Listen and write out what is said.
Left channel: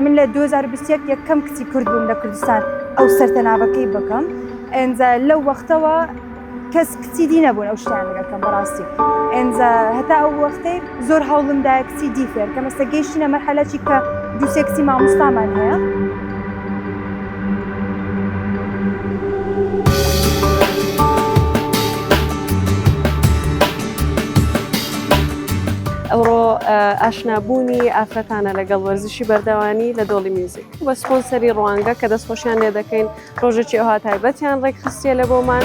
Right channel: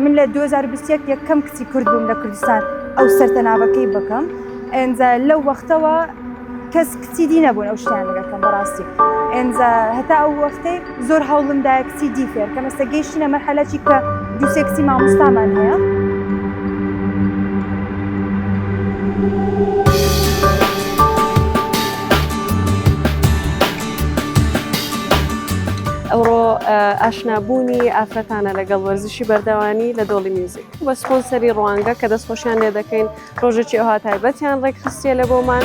من لە 2021 یەکەم کچی کورد بووم لە کوردستان ئەو سەرتەناوەکەی بکەم ئێنجا لەو وەختەوە کەس کچی دی نەبوون ئەو شتیان لەگەکەم بەڕاستی ئێنجا هەتا ئەو وەختەی زۆر هەوڵمدایە کچی دی فێر کە مەسە گەیشتینە مەرحەلەی کە دووسێ کچی مامۆستامان هەیە. ئەوڕۆ ئاشنابوونی ئافرەتانە لەگەڵ وەرزشی بەردەوانی لە دۆڵی میوزیک بە سپۆنسەری ڕوانگە کە دەستخۆشیان لێ دەکەین ڕۆژێکی ئەوها تایبەتیان ڕێکخستیە لە بۆمان.